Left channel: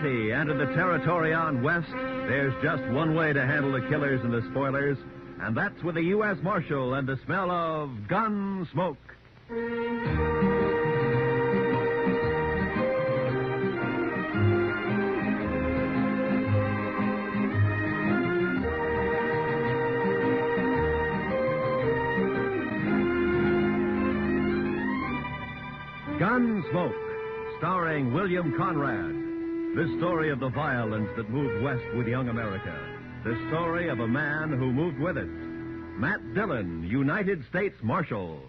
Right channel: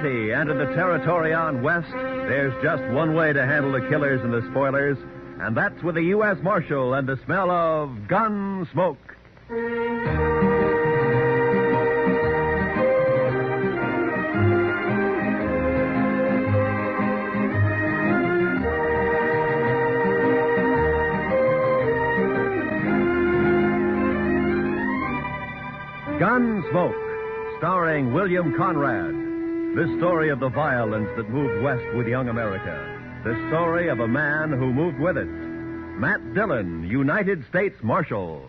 2020 entered the territory on West, there's just one way to handle the killers and the spoilers, and that's with a U.S. Marshal and the smell of Gunsmoke. Gunsmoke, starring William Conrad. This story of the violence that moved west with young America. The story of a man who moved with it. Matt Dillon, United States Marshal.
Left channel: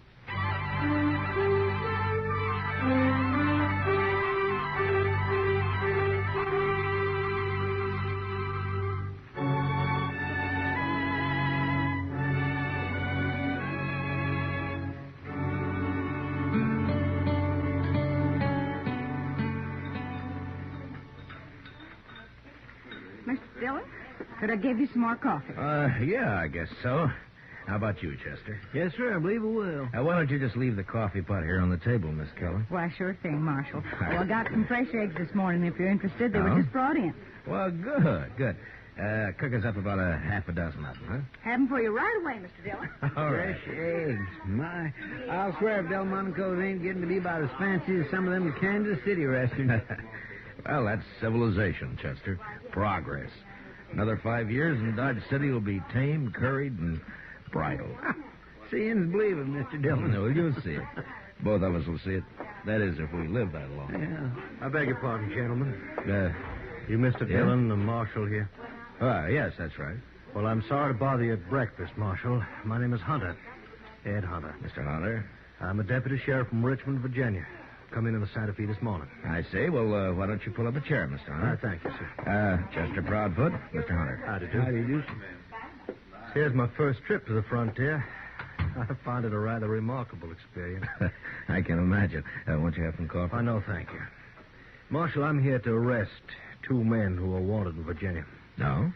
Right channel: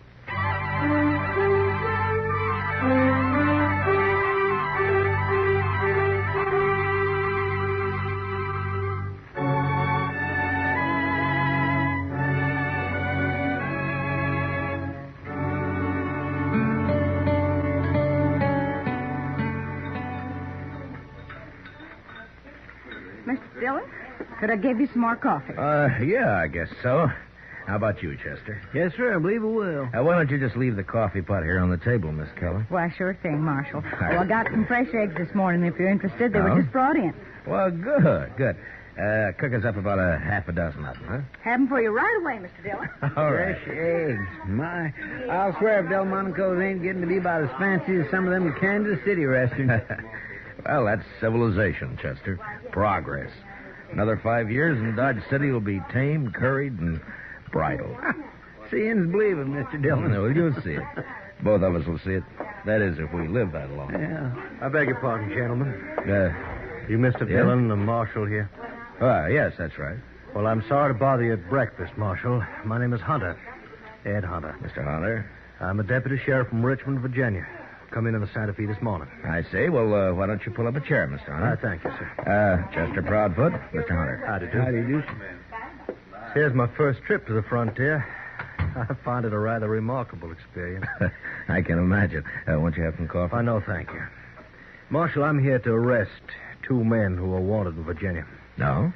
Mr. Dillon, could I give you some more coffee? Yeah, I guess so. How about you, Chester? Yes, sir, I believe it will. Why don't you just leave the coffee pot here on the table, Miss Keller? Why, sure thing, Marshal. Well, I got some fresh eggs this morning, if you're interested. They were just brought in. Well, good. Cook us up about a half a dozen of them, huh? Have them for you right away, Mr. Dillon. All right. Fresh eggs. My, I'll swear if Delmonico's ain't getting to be about as fancy as some of them Kansas City restaurants. Well, that's civilization, Chester. Progress. Another 5 years and Dodge City will be tamed, curried, and bridled. Seeing's believing, Mr. Dillon. No, you'll see it. Both of us will see it. That is, if we live that long. Yeah. I beg your pardon, gentlemen. You Mr. Yeah? Dillon, the marshal here? Yes, that's right. Well, I'm sorry to bother you at breakfast, Marshal. My name is Hunter. Ed Hunter. Mr. Hunter. I'm a deputy sheriff from Richmond, Virginia. Come in the Santa Fe this morning. I see. Well, why don't you pull up a chair, Mr. Hunter? Thank you, sir. Chester Proudfoot, Mr. Hunter. Howdy, do. Howdy, do. Here's my first trip to the frontier. I find it a rather remarkable experience. I can imagine. Won't you have some coffee? I know, thank you. Marshal, I'm here to arrest two men who are wanted in Virginia. No?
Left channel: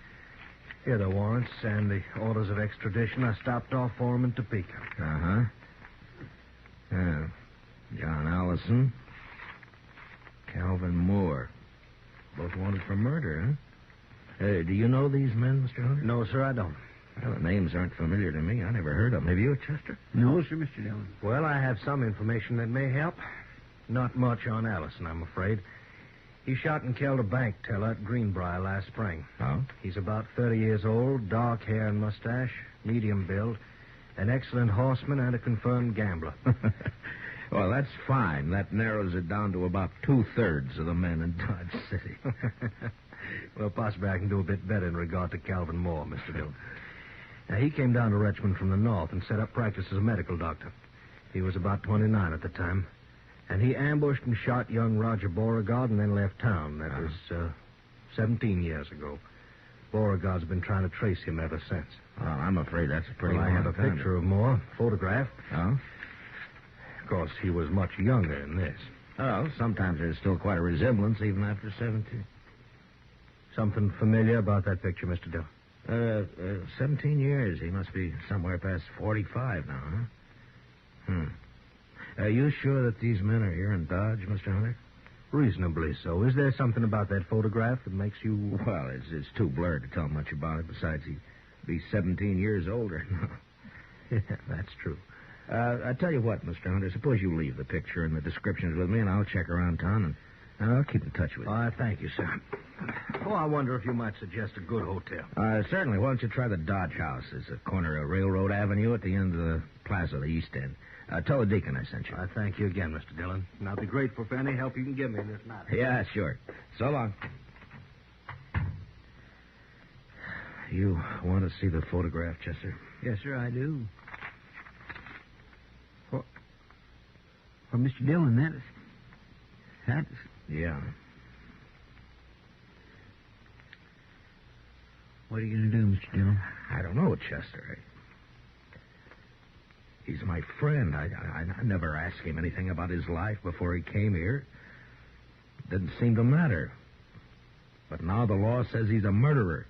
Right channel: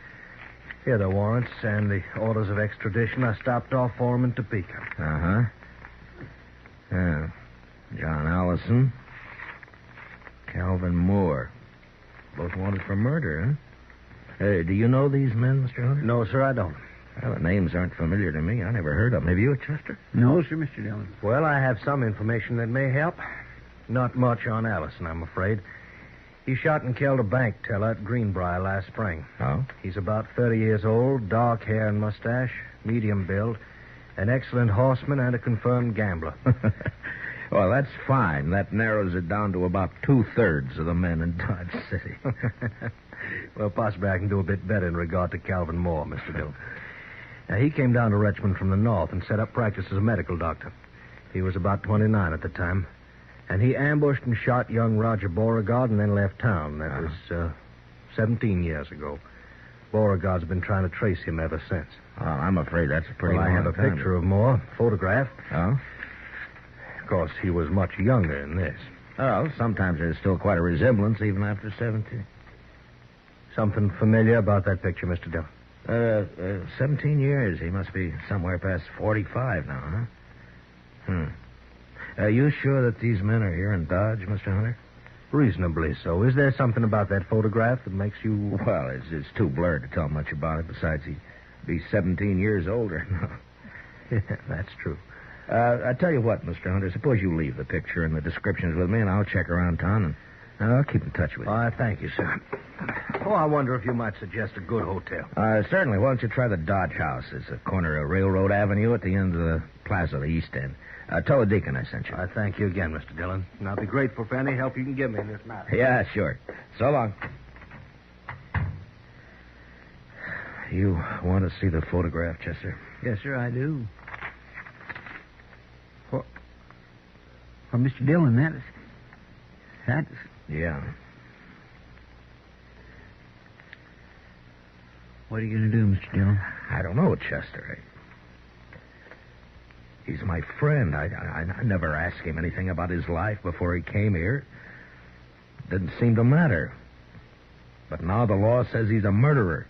Here are the warrants and the orders of extradition. I stopped off for them in Topeka. Uh-huh. Yeah. John Allison. Calvin Moore. Both wanted for murder, huh? Do you know these men, Mr. Hunter? No, sir, I don't. Well, the names aren't familiar to me. I never heard of them. Have you, Chester? No, sir, Mr. Dillon. Well, I have some information that may help. Not much on Allison, I'm afraid. He shot and killed a bank teller at Greenbrier last spring. Oh? He's about 30 years old, dark hair and mustache, medium build, an excellent horseman and a confirmed gambler. Well, that's fine. That narrows it down to about 2/3 of the men in Dodge City. Well, possibly I can do a bit better in regard to Calvin Moore, Mr. Dillon. Now, he came down to Richmond from the north and set up practice as a medical doctor. He was about 29 at the time. And he ambushed and shot young Roger Beauregard and then left town. That was 17 years ago. Beauregard's been trying to trace him ever since. Oh, I'm afraid that's a pretty Well, I have a long time. picture of Moore, photographed. Oh? Of course, he was much younger than this. Oh, sometimes there's still quite a resemblance even after 17. Something familiar about that picture, Mr. Dillon? 17 years. He must be somewhere past 45 now, huh? Are you sure that these men are here in Dodge, Mr. Hunter? Reasonably so. Is there something about that photograph that makes you... Well, it's too blurred to tell much about it. Besides, he'd be 17 years older. Yeah, that's true. I tell you what, Mr. Hunter, suppose you leave the picture and the descriptions with me, and I'll check around town, and I'll keep in touch with you. Thank you, sir. Oh, I wonder if you might suggest a good hotel. Certainly. Why don't you try the Dodge House? It's a corner of Railroad Avenue at the end of the plaza, the East End. Tell the deacon I sent you. I thank you again, Mr. Dillon. And I'll be grateful for any help you can give me in this matter. Yeah, sure. So long. You want to see the photograph, Chester? Yes, sir, I do. Well, Mr. Dillon, that's... Yeah. What are you going to do, Mr. Dillon? I don't know, Chester. He's my friend. I never asked him anything about his life before he came here. Didn't seem to matter. But now the law says he's a murderer.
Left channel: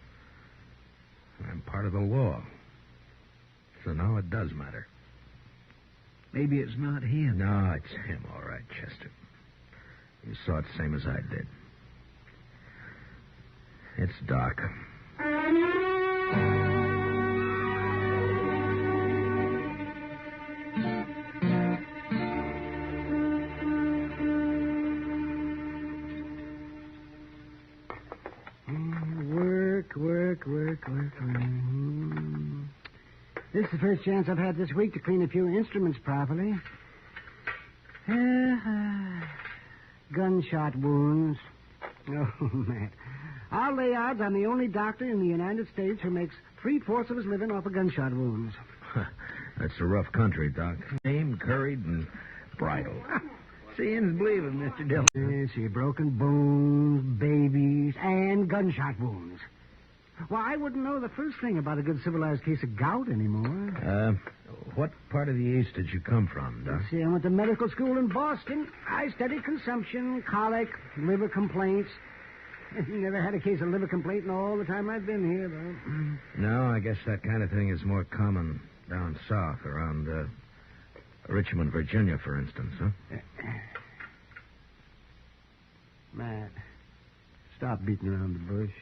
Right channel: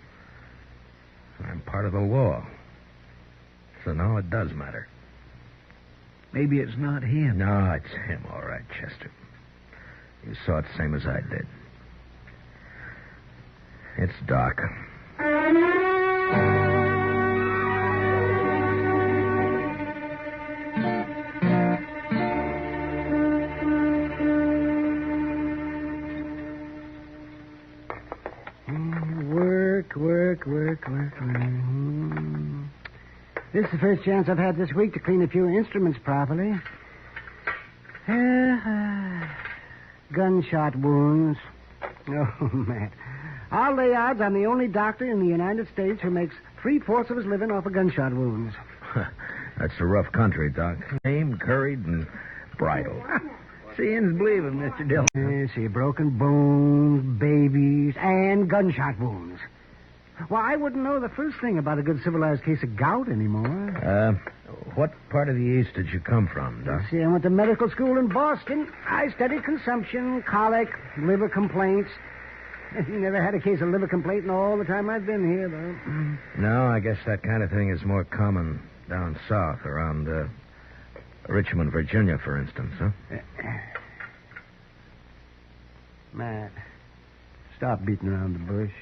I'm part of the law. So now it does matter. Maybe it's not him. No, it's him, all right, Chester. You saw it the same as I did. It's Doc. Work. This is the first chance I've had this week to clean a few instruments properly. Gunshot wounds. Oh, Matt. I'll lay odds I'm the only doctor in the United States who makes 3/4 of his living off of gunshot wounds. That's a rough country, Doc. Aimed, curried, and bridled. Seeing's believing, Mr. Dillon. See, broken bones, babies, and gunshot wounds. Well, I wouldn't know the first thing about a good civilized case of gout anymore. What part of the East did you come from, Doc? See, I went to medical school in Boston. I studied consumption, colic, liver complaints. You never had a case of liver complaint in all the time I've been here, though. No, I guess that kind of thing is more common down south, around Richmond, Virginia, for instance, huh? Matt, stop beating around the bush.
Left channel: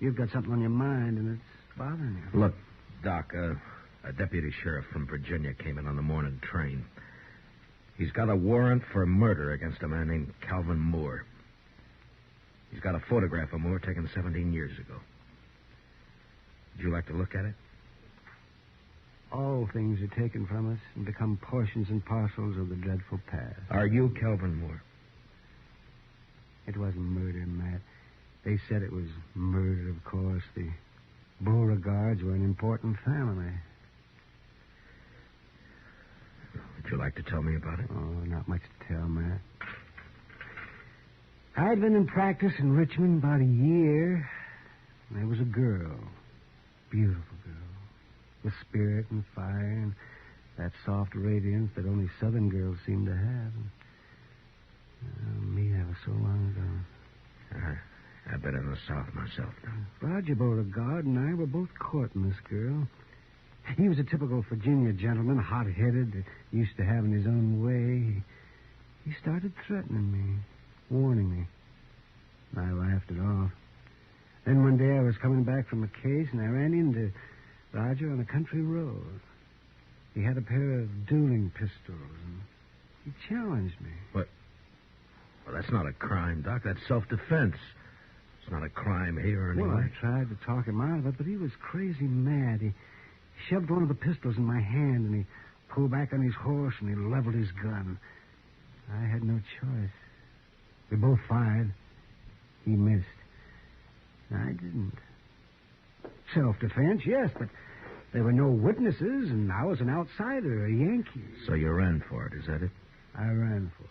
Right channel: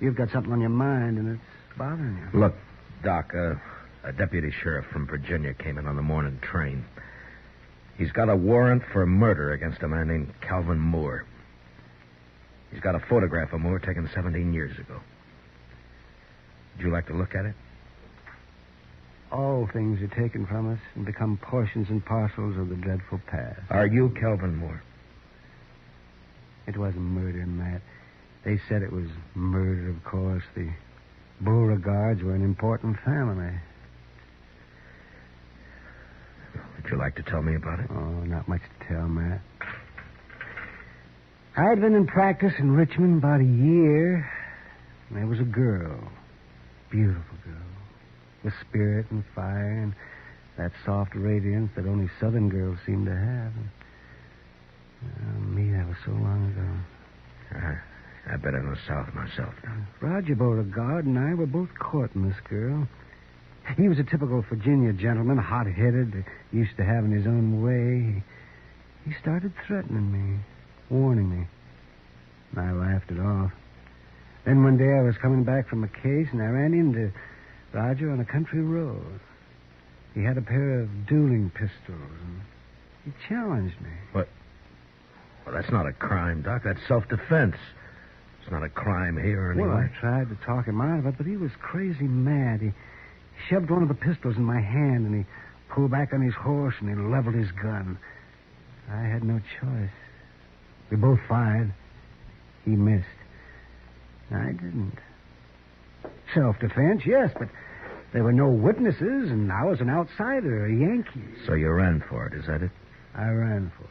You've got something on your mind, and it's bothering you. Look, Doc, a deputy sheriff from Virginia came in on the morning train. He's got a warrant for murder against a man named Calvin Moore. He's got a photograph of Moore taken 17 years ago. Would you like to look at it? All things are taken from us and become portions and parcels of the dreadful past. Are you Calvin Moore? It wasn't murder, Matt. They said it was murder, of course. The Beauregards were an important family. Would you like to tell me about it? Oh, not much to tell, Matt. I'd been in practice in Richmond about a year, and there was a girl. Beautiful girl. With spirit and fire and that soft radiance that only Southern girls seem to have. Me, that was so long ago. I've been in the South myself now. Roger Beauregard and I were both courting this girl. He was a typical Virginia gentleman, hot-headed, used to having his own way. He started threatening me, warning me. And I laughed it off. Then one day I was coming back from a case, and I ran into Roger on a country road. He had a pair of dueling pistols, and he challenged me. What? Well, that's not a crime, Doc. That's self-defense. It's not a crime here anyway. Well, I tried to talk him out of it, but he was crazy mad. He shoved one of the pistols in my hand, and he pulled back on his horse, and he leveled his gun. I had no choice. We both fired. He missed. I didn't. Self-defense, yes, but there were no witnesses, and I was an outsider, a Yankee. So you ran for it, is that it? I ran for it.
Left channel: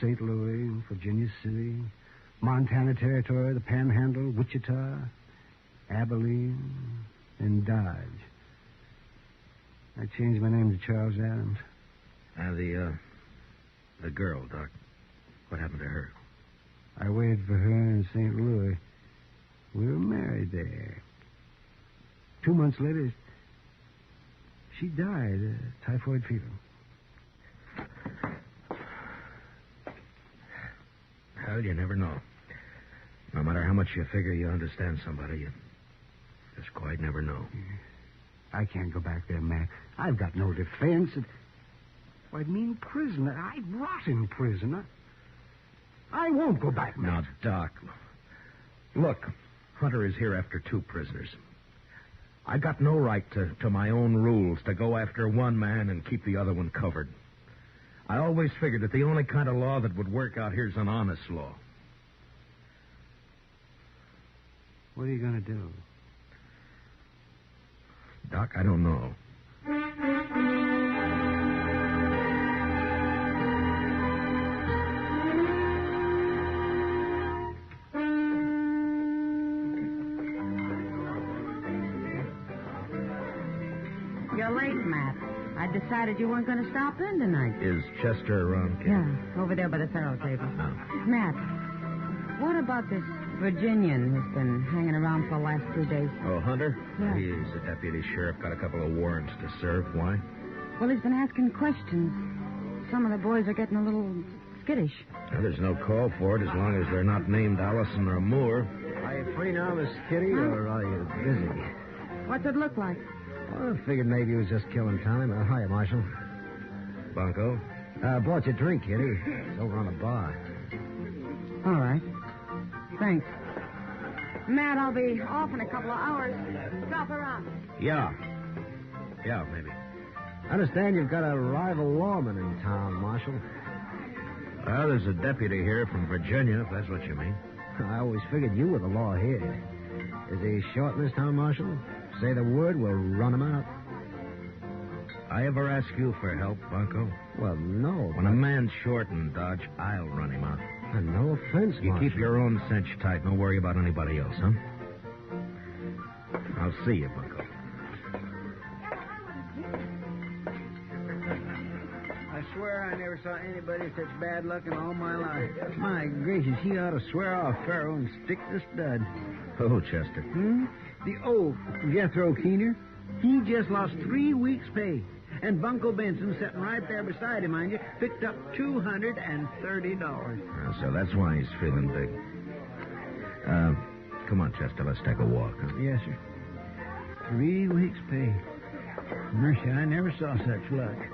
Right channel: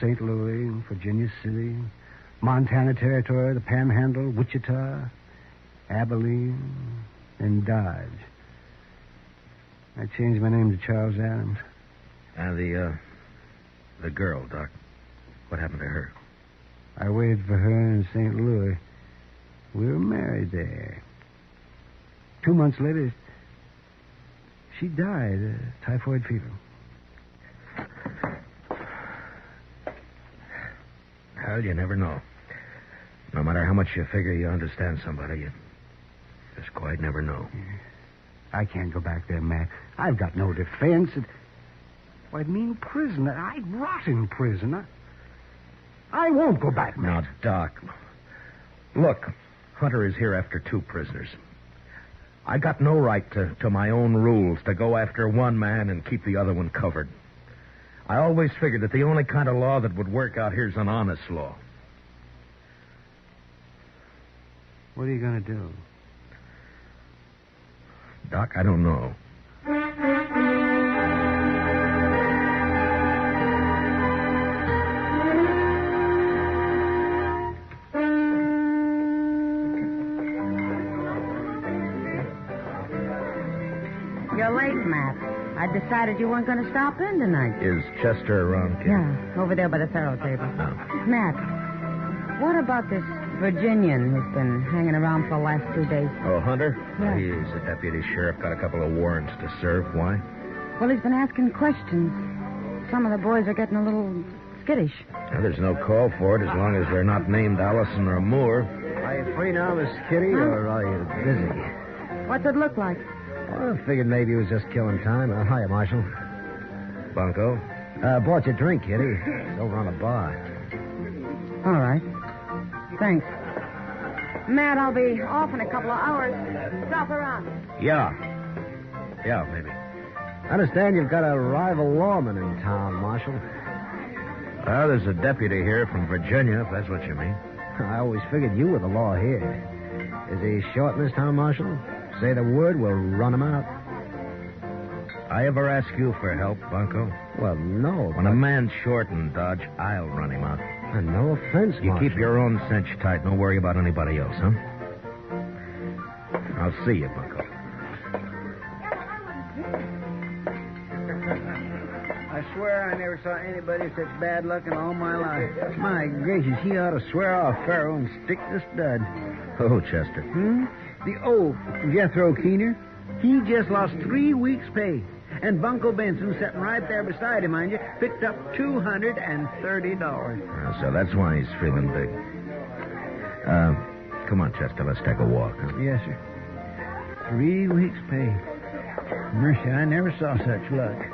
St. Louis, Virginia City, Montana Territory, the Panhandle, Wichita, Abilene, and Dodge. I changed my name to Charles Adams. And the girl, Doc. What happened to her? I waited for her in St. Louis. We were married there. 2 months later, she died of typhoid fever. Well, you never know. No matter how much you figure you understand somebody, you just quite never know. I can't go back there, Matt. I've got no defense. I'd mean prison. I'd rot in prison. I won't go back, Matt. Now, Doc, look, Hunter is here after 2 prisoners. I got no right to my own rules, to go after one man and keep the other one covered. I always figured that the only kind of law that would work out here is an honest law. What are you going to do? Doc, I don't know. You're late, Matt. I decided you weren't going to stop in tonight. Is Chester around, kid? Yeah, over there by the faro table. Oh. Matt, what about this Virginian who's been hanging around for the last 2 days? Oh, Hunter? Yeah. He's a deputy sheriff, got a couple of warrants to serve. Why? Well, he's been asking questions. Some of the boys are getting a little skittish. Well, there's no call for it as long as they're not named Allison or Moore. Are you free now, Miss Kitty, or are you busy? What's it look like? Well, I figured maybe he was just killing time. Hiya, Marshal. Bunko? Bought you a drink, Kitty. Over on the bar. All right. Thanks. Matt, I'll be off in a couple of hours. Stop around. Yeah. Yeah, maybe. I understand you've got a rival lawman in town, Marshal. Well, there's a deputy here from Virginia, if that's what you mean. I always figured you were the law here. Is he short in this town, Marshal? Say the word, we'll run him out. I ever ask you for help, Bunko? Well, no. When a man's short in Dodge, I'll run him out. No offense, You Marshal. keep your own cinch tight. Don't worry about anybody else, huh? I'll see you, Bunko. I swear I never saw anybody with such bad luck in all my life. My gracious, he ought to swear off Pharaoh and stick to stud. Oh, Chester. The old Jethro Keener, he just lost 3 weeks' pay. And Bunko Benson, sitting right there beside him, mind you, picked up $230. So that's why he's feeling big. Come on, Chester, let's take a walk. Huh? Yes, sir. 3 weeks' pay. Mercy, I never saw such luck.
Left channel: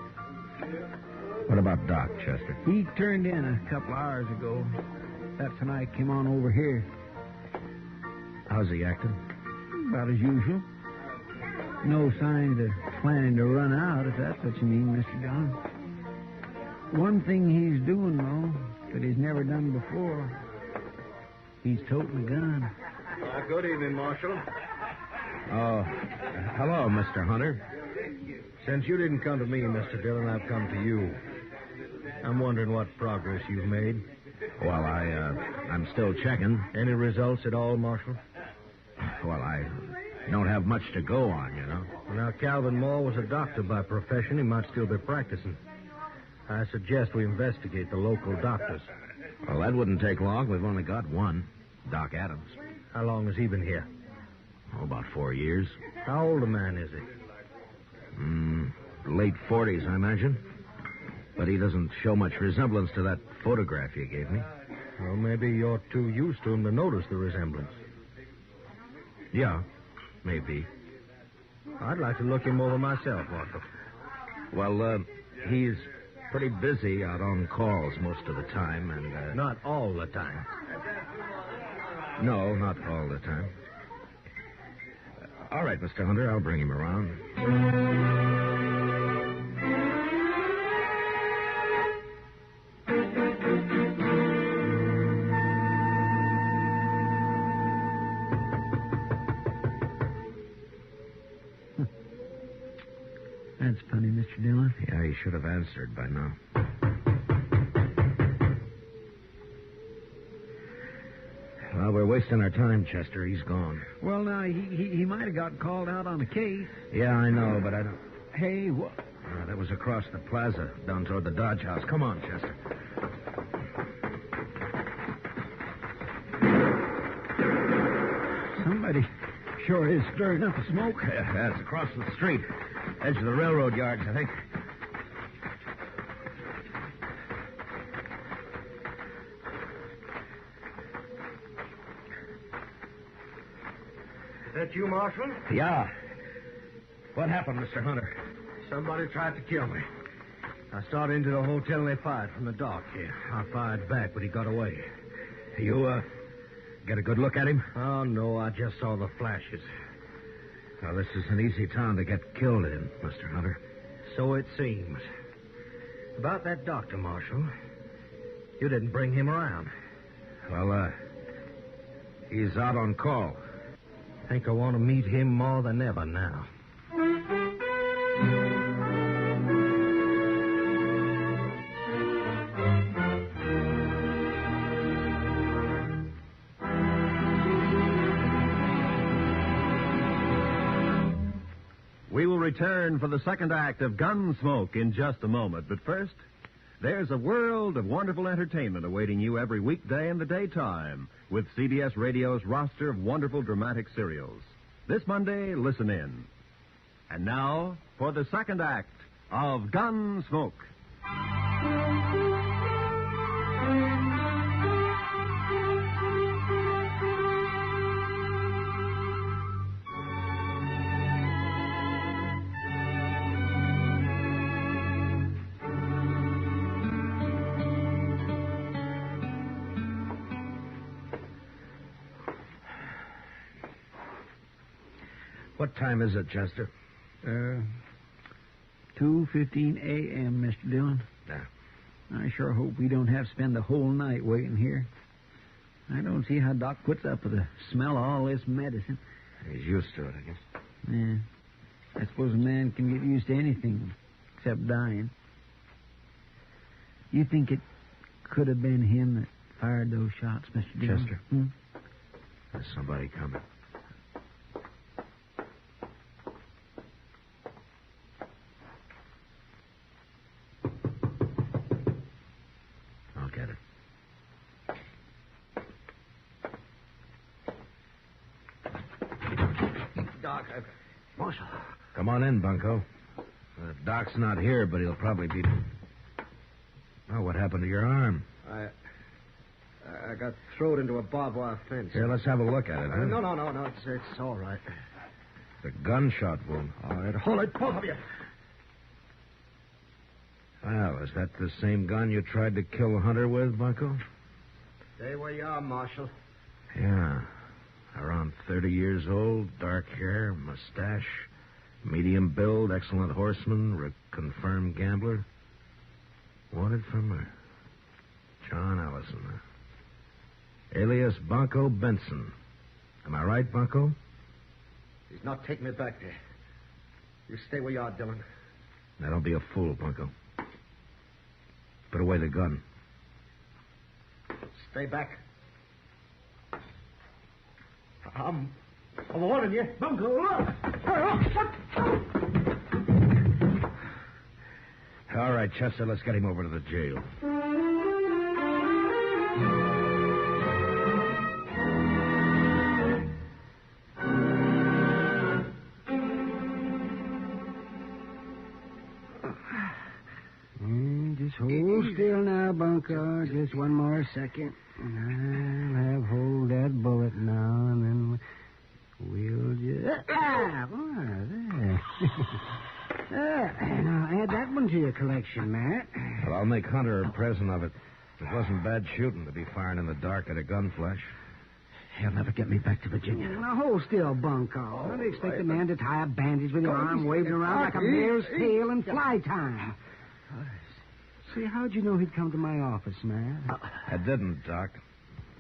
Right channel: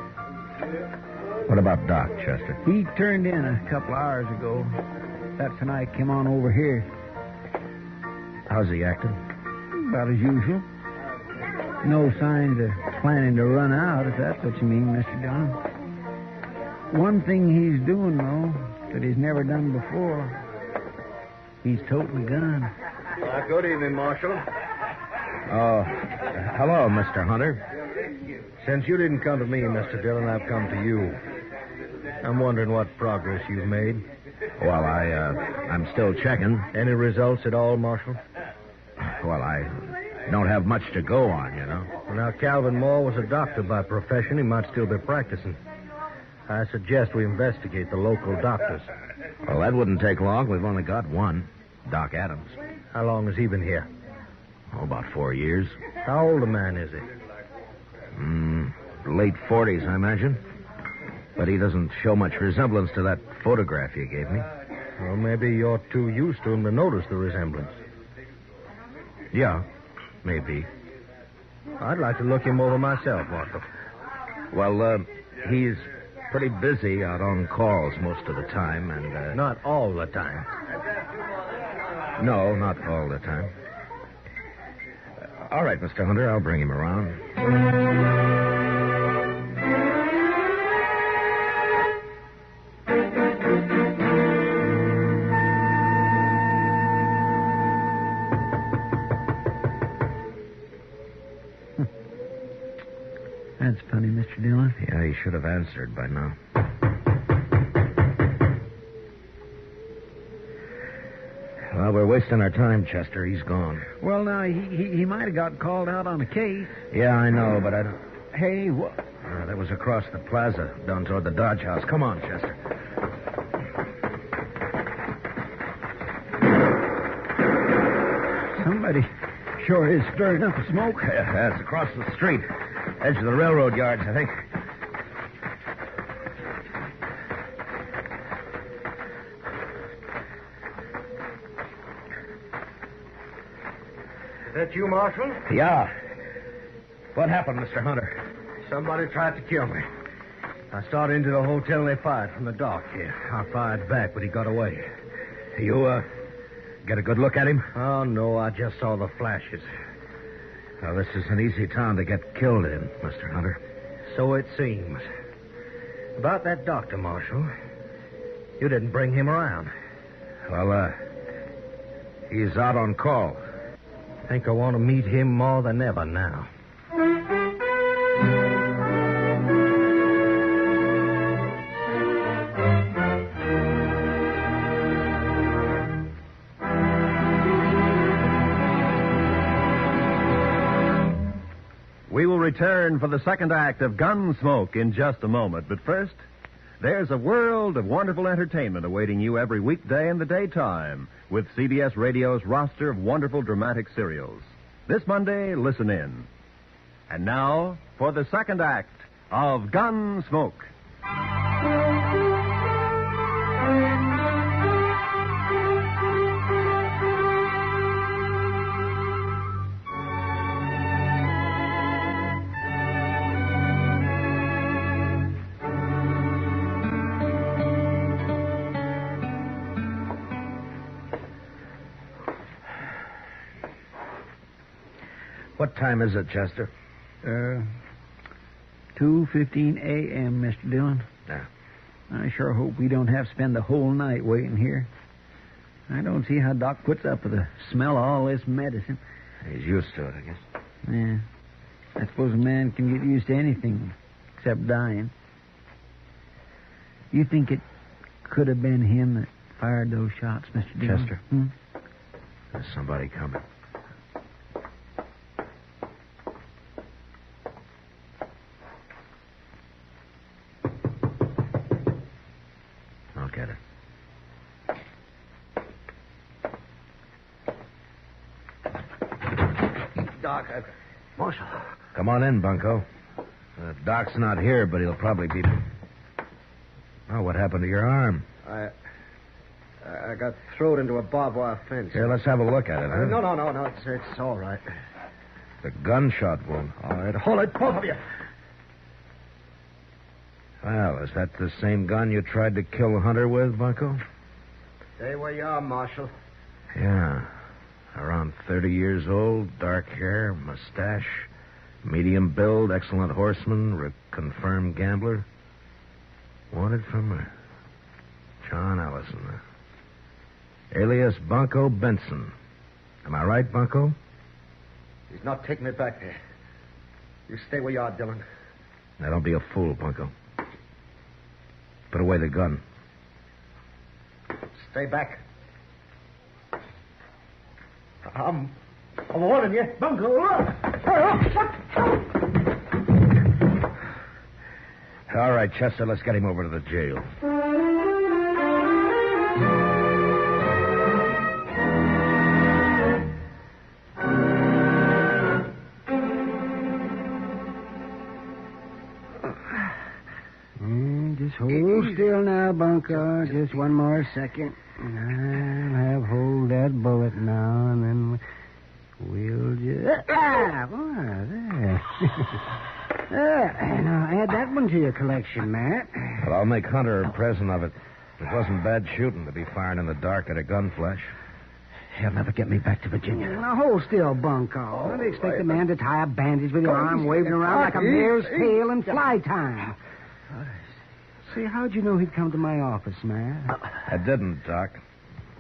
What about Doc, Chester? He turned in a couple hours ago. That's when I came on over here. How's he acting? About as usual. No signs of planning to run out, if that's what you mean, Mr. Dillon. One thing he's doing, though, that he's never done before. He's toting a gun. Good evening, Marshal. Oh, hello, Mr. Hunter. Since you didn't come to me, Mr. Dillon, I've come to you. I'm wondering what progress you've made. Well, I'm still checking. Any results at all, Marshal? Well, I don't have much to go on, you know. Well, now, Calvin Moore was a doctor by profession. He might still be practicing. I suggest we investigate the local doctors. Well, that wouldn't take long. We've only got one, Doc Adams. How long has he been here? Oh, about 4 years. How old a man is he? Late 40s, I imagine. But he doesn't show much resemblance to that photograph you gave me. Well, maybe you're too used to him to notice the resemblance. Yeah, maybe. I'd like to look him over myself, Marshal. Well, he's pretty busy out on calls most of the time, and... Not all the time. No, not all the time. All right, Mr. Hunter, I'll bring him around. That's funny, Mr. Dillon. Yeah, he should have answered by now. Well, we're wasting our time, Chester. He's gone. Well, now, he might have got called out on a case. Yeah, I know, but I don't... Hey, what? That was across the plaza, down toward the Dodge House. Come on, Chester. Somebody sure is stirring up the smoke. Yeah, it's across the street. Edge of the railroad yards, I think. Is that you, Marshal? Yeah. What happened, Mr. Hunter? Somebody tried to kill me. I started into the hotel and they fired from the dock here. I fired back, but he got away. You, get a good look at him? Oh, no, I just saw the flashes. Well, this is an easy town to get killed in, Mr. Hunter. So it seems. About that doctor, Marshal. You didn't bring him around. Well, he's out on call. Think I want to meet him more than ever now. We will return for the second act of Gunsmoke in just a moment. But first, there's a world of wonderful entertainment awaiting you every weekday in the daytime with CBS Radio's roster of wonderful dramatic serials. This Monday, listen in. And now, for the second act of Gunsmoke. What time is it, Chester? 2:15 a.m., Mr. Dillon. Yeah. I sure hope we don't have to spend the whole night waiting here. I don't see how Doc puts up with the smell of all this medicine. He's used to it, I guess. Yeah. I suppose a man can get used to anything except dying. You think it could have been him that fired those shots, Mr. Dillon? Chester? There's somebody coming. I'll get it. Doc, Marshal. Come on in, Bunko. Doc's not here, but he'll probably be... Oh, what happened to your arm? I got thrown into a barbed wire fence. Here, let's have a look at it, huh? No. It's all right. The gunshot wound. All right, hold it, both of you. Well, is that the same gun you tried to kill Hunter with, Bunko? Stay where you are, Marshal. Yeah. Around 30 years old, dark hair, mustache, medium build, excellent horseman, confirmed gambler. Wanted for murder. John Ellison. Alias Bunko Benson. Am I right, Bunko? He's not taking it back there. You stay where you are, Dillon. Now, don't be a fool, Bunko. Put away the gun. Stay back. I'm warning you. Bunko, look! All right, Chester, let's get him over to the jail. Just hold still now, Bunko. Just one more second. I'll have hold that bullet now, and then we'll just... there. Now, add that one to your collection, Matt. But I'll make Hunter a present of it. It wasn't bad shooting to be firing in the dark at a gun flash. He'll never get me back to Virginia. Now, hold still, Bunko. Don't expect a man to tie a bandage with your arm waving around like a mare's tail in fly time. See, how'd you know he'd come to my office, Matt? I didn't, Doc.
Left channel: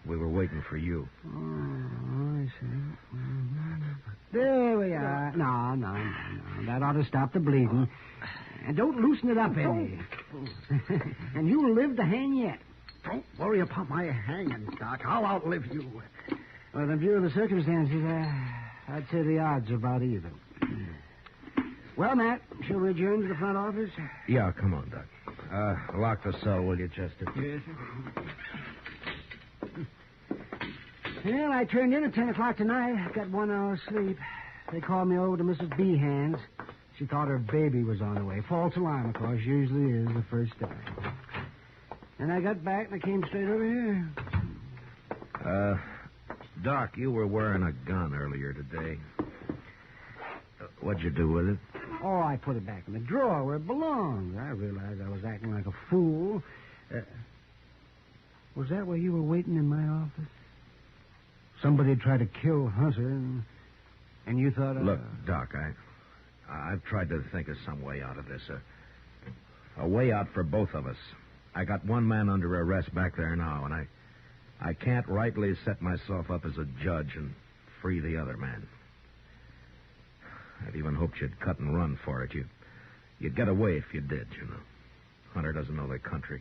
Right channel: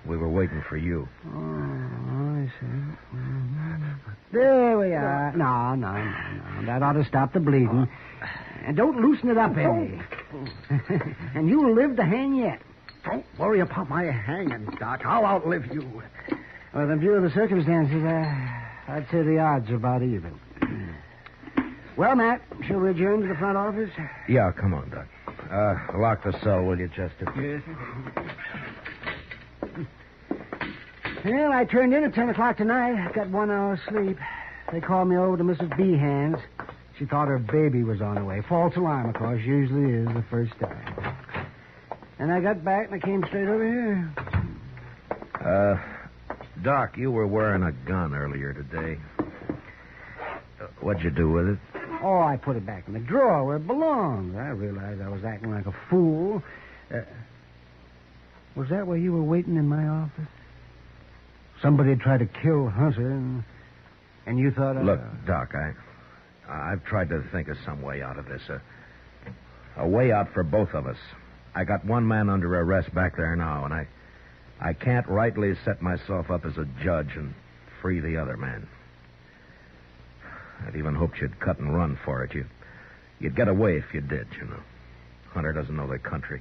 We were waiting for you. Oh, I see. Mm-hmm. There we are. No. That ought to stop the bleeding. And don't loosen it up any. And you'll live to hang yet. Don't worry about my hanging, Doc. I'll outlive you. Well, in view of the circumstances, I'd say the odds are about even. Well, Matt, shall we adjourn to the front office? Yeah, come on, Doc. Lock the cell, will you, Chester? Yes. Well, I turned in at 10 o'clock tonight. I got 1 hour's sleep. They called me over to Mrs. Behan's. She thought her baby was on the way. False alarm, of course, usually is the first time. And I got back and I came straight over here. Doc, you were wearing a gun earlier today. What'd you do with it? Oh, I put it back in the drawer where it belongs. I realized I was acting like a fool. Was that where you were waiting in my office? Somebody had tried to kill Hunter, and you thought... Look, Doc, I've tried to think of some way out of this. A way out for both of us. I got one man under arrest back there now, and I can't rightly set myself up as a judge and free the other man. I'd even hoped you'd cut and run for it. You'd get away if you did, you know. Hunter doesn't know the country.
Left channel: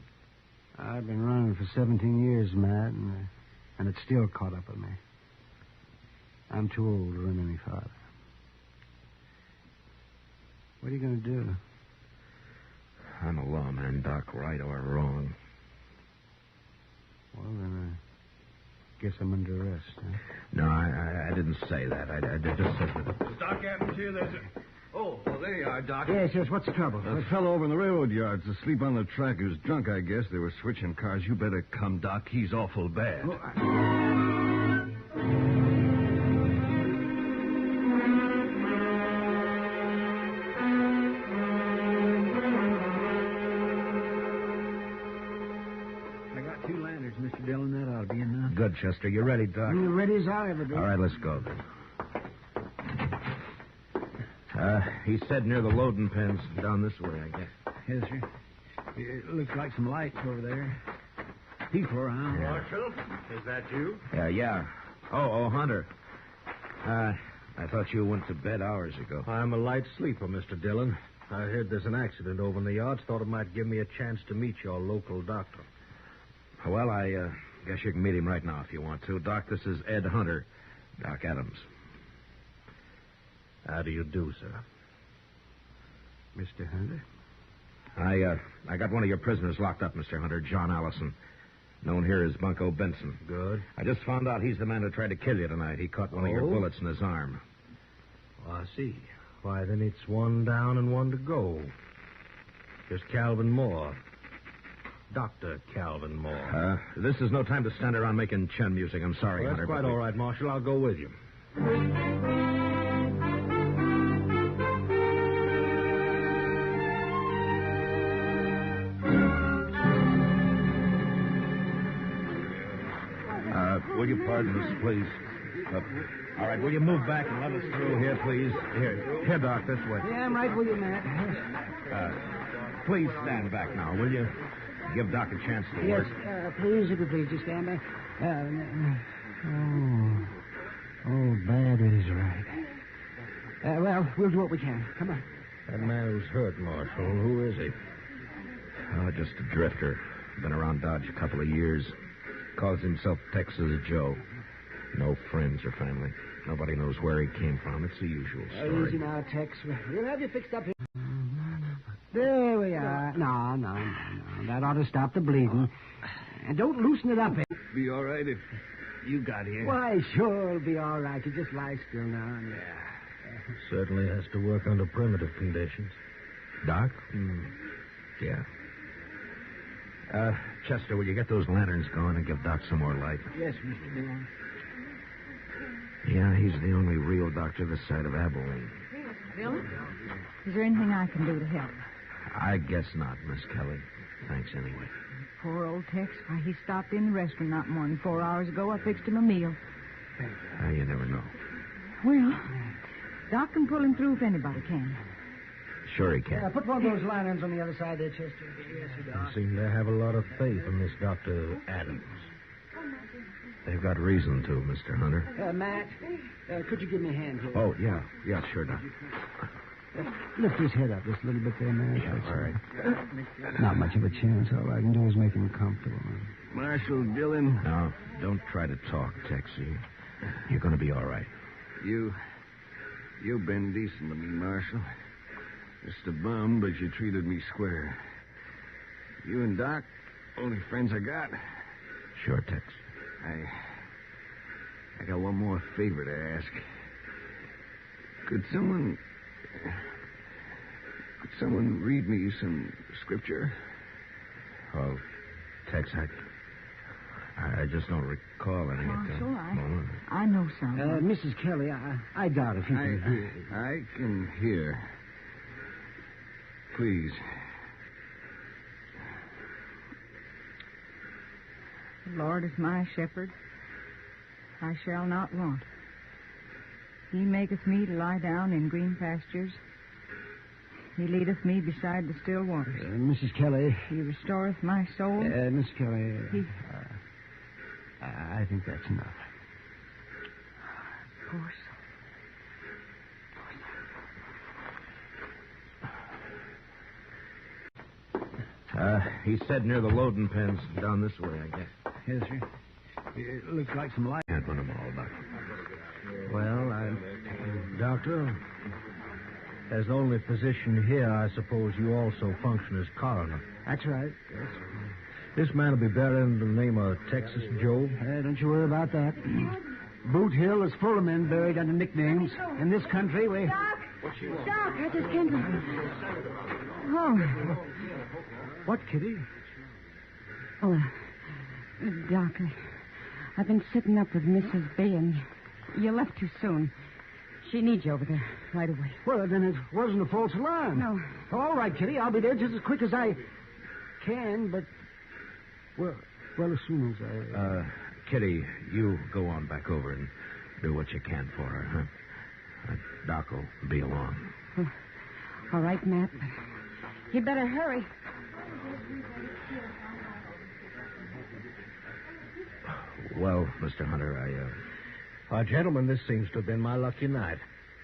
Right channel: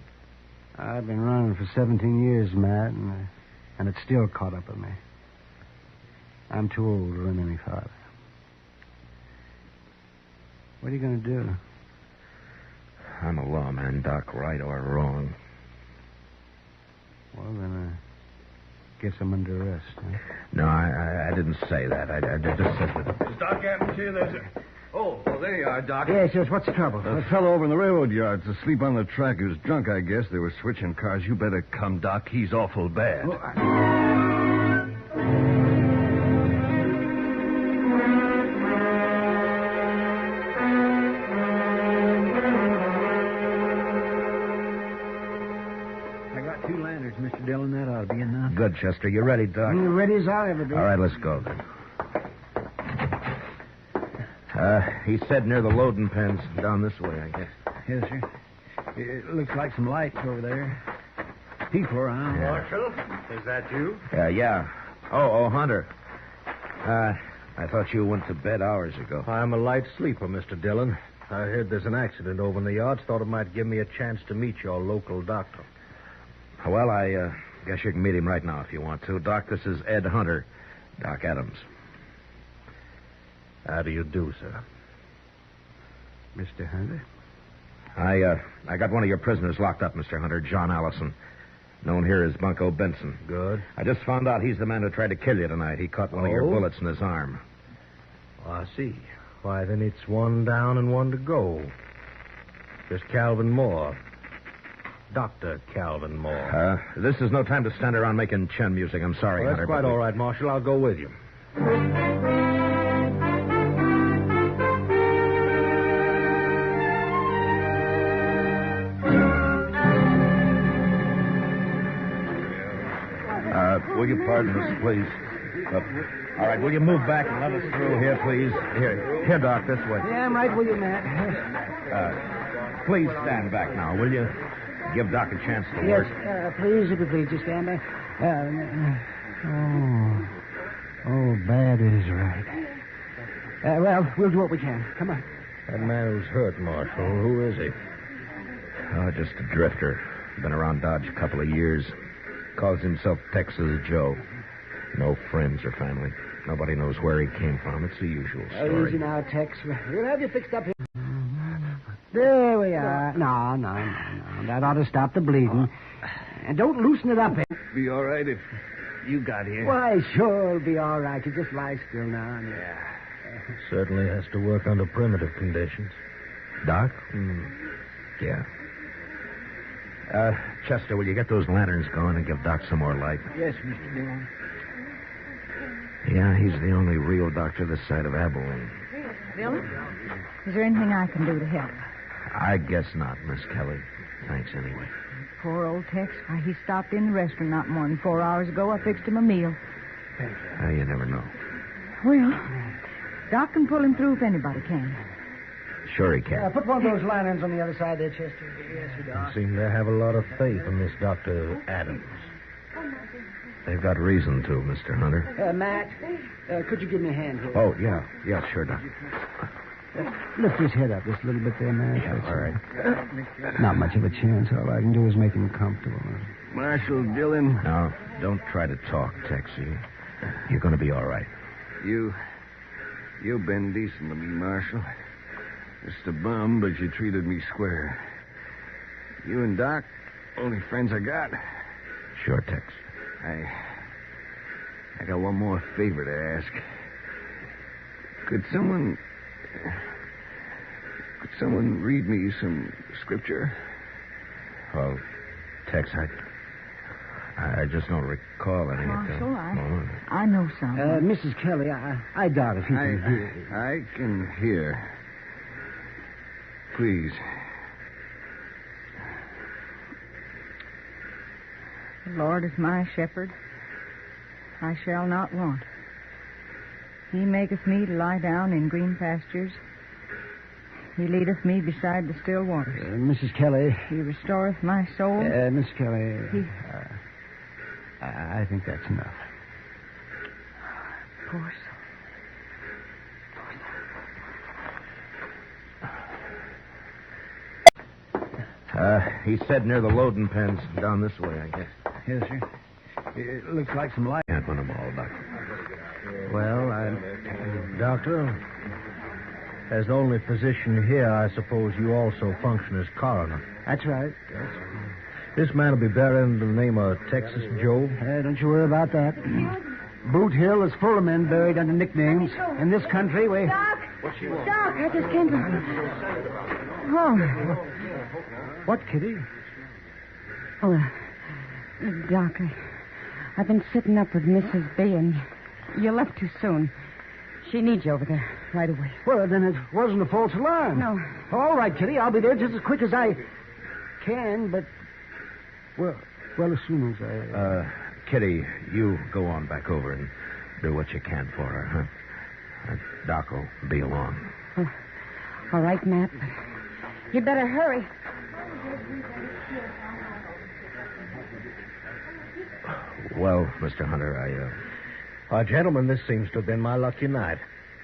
I've been running for 17 years, Matt, and it's still caught up with me. I'm too old to run any farther. What are you going to do? I'm a lawman, Doc, right or wrong. Well, then, guess I'm under arrest, huh? No, I didn't say that. I just said that... Is Doc Adams here? There's a... Oh, well, there you are, Doc. Yes, what's the trouble? A fellow over in the railroad yards asleep on the track. He was drunk, I guess. They were switching cars. You better come, Doc. He's awful bad. Oh, Mr. Dillon, that ought to be enough. Good, Chester. You ready, Doc? Ready as I'll ever be. All right, let's go then. He said near the loading pens down this way, I guess. Yes, sir. It looks like some lights over there. People around. Marshal, is that you? Yeah. Oh, Hunter. I thought you went to bed hours ago. I'm a light sleeper, Mr. Dillon. I heard there's an accident over in the yards. Thought it might give me a chance to meet your local doctor. Well, I guess you can meet him right now if you want to. Doc, this is Ed Hunter. Doc Adams. How do you do, sir? Mr. Hunter? I got one of your prisoners locked up, Mr. Hunter, John Allison. Known here as Bunko Benson. Good. I just found out he's the man who tried to kill you tonight. He caught one of your bullets in his arm. Oh, I see. Why, then it's one down and one to go. Just Calvin Moore. Dr. Calvin Moore. This is no time to stand around making chin music. I'm sorry, Well, Hunter. that's quite all right, Marshal. I'll go with you. Will you pardon us, please? All right, will you move back and let us through here, please? Here, Doc, this way. Yeah, I'm right with you, Matt. Please stand back now, will you? Give Doc a chance to Yes, work. please, if you please, just stand back. Bad is right. Well, we'll do what we can. Come on. That man who's hurt, Marshal, who is he? Oh, just a drifter. Been around Dodge a couple of years. Calls himself Texas Joe. No friends or family. Nobody knows where he came from. It's the usual story. Easy now, Tex. We'll have you fixed up here. There we are. No. That ought to stop the bleeding. And don't loosen it up. Be all right if you got here. Why, sure, it'll be all right. You just lie still now. Certainly has to work under primitive conditions. Doc? Yeah. Chester, will you get those lanterns going and give Doc some more light? Yes, Mr. Dillon. Yeah, he's the only real doctor this side of Abilene. Dillon? Is there anything I can do to help? I guess not, Miss Kelly. Thanks anyway. Poor old Tex. Why, he stopped in the restaurant not more than 4 hours ago. I fixed him a meal. You never know. Well, Doc can pull him through if anybody can. Sure he can. Put one of those lanterns on the other side there, Chester. Yes, you You seem to have a lot of faith in this Dr. Adams. They've got reason to, Mr. Hunter. Matt, could you give me a hand here? Oh, yeah, sure, Doc. Lift his head up just a little bit there, Matt. All right. Not much of a chance. All I can do is make him comfortable. Marshal Dillon, Now, don't try to talk, Texie. You're going to be all right. you've been decent to me, Marshal. Just a bum, but you treated me square. You and Doc, only friends I got. Sure, Tex. I got one more favor to ask. Could someone read me some scripture? Well, Tex, I just don't recall any at the Marshal, moment. I know some. Mrs. Kelly, I doubt if you can hear. I can hear. Please. The Lord is my shepherd. I shall not want. He maketh me to lie down in green pastures. He leadeth me beside the still waters. Mrs. Kelly. He restoreth my soul. Miss Kelly. I think that's enough. Poor soul. He said near the loading pens down this way, I guess. Yes, sir. It looks like some light. Can't run them all, Doc. Well, Doctor, as the only physician here, I suppose you also function as coroner. That's right. Yes. This man will be buried in the name of Texas Joe. Don't you worry about that. Boot Hill is full of men buried under nicknames. In this country, we... Doc! Doc, I just came from... Oh. What, Kitty? Oh, Doc, I've been sitting up with Mrs. B, and you left too soon. She needs you over there right away. Well, then it wasn't a false alarm. No. All right, Kitty, I'll be there just as quick as I can, but... Well, as soon as I... Kitty, you go on back over and do what you can for her, huh? Doc will be along. All right, Matt. You better hurry. Well, Mr. Hunter, Gentlemen, this seems to have been my lucky night.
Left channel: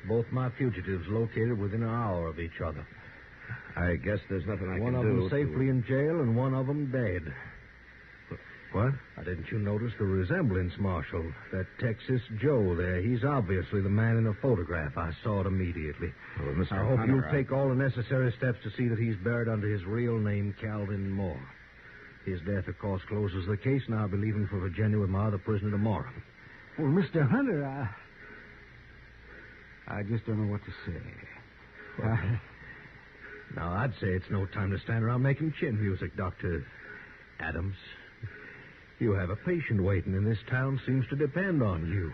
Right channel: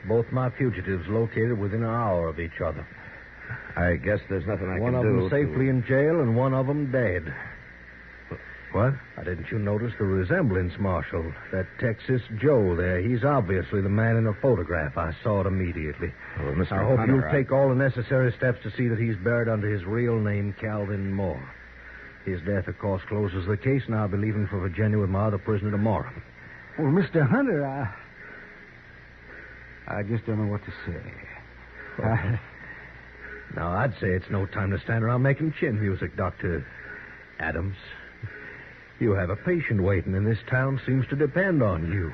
Both my fugitives located within an hour of each other. I guess there's nothing I One can of do. them safely in jail and one of them dead. What? Didn't you notice the resemblance, Marshal? That Texas Joe there, he's obviously the man in the photograph. I saw it immediately. Well, Mr. I hope Hunter, you'll take all the necessary steps to see that he's buried under his real name, Calvin Moore. His death, of course, closes the case, and I'll be leaving for Virginia with my other prisoner tomorrow. Well, Mr. Hunter, I just don't know what to say. Now, I'd say it's no time to stand around making chin music, Dr. Adams. You have a patient waiting, and this town seems to depend on you.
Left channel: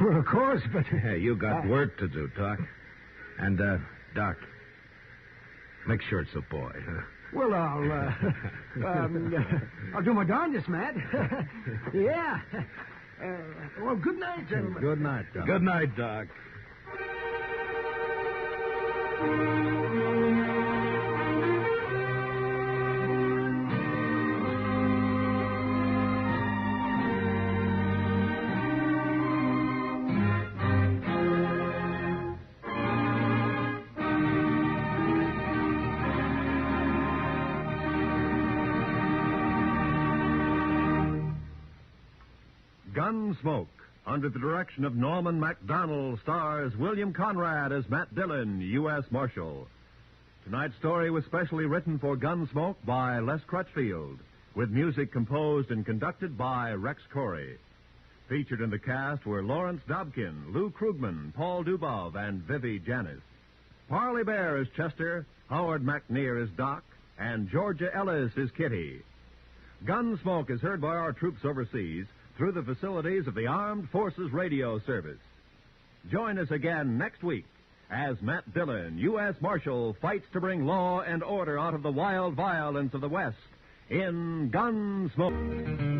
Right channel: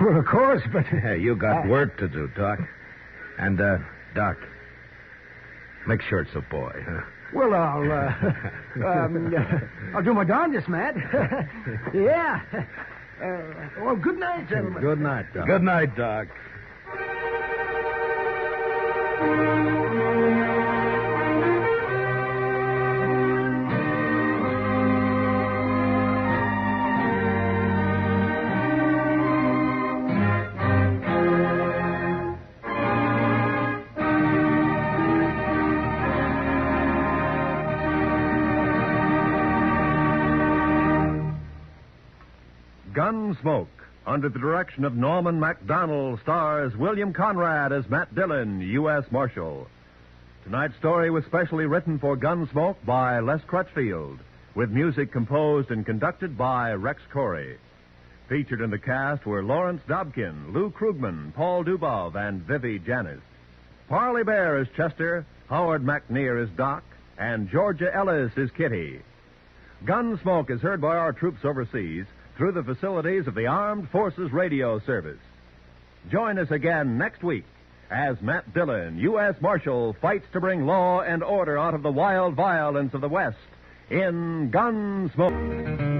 Well, of course, but... Hey, you got work to do, Doc. And, Doc, make sure it's a boy, huh? Well, I'll do my darndest, Matt. Yeah. Well, good night, gentlemen. Good night, Doc. Good night, Doc. Gunsmoke, under the direction of Norman Macdonnell, stars William Conrad as Matt Dillon, U.S. Marshal. Tonight's story was specially written for Gunsmoke by Les Crutchfield, with music composed and conducted by Rex Corey. Featured in the cast were Lawrence Dobkin, Lou Krugman, Paul Dubov, and Vivi Janis. Parley Baer is Chester, Howard McNear is Doc, and Georgia Ellis is Kitty. Gunsmoke is heard by our troops overseas through the facilities of the Armed Forces Radio Service. Join us again next week as Matt Dillon, U.S. Marshal, fights to bring law and order out of the wild violence of the West in Gunsmoke.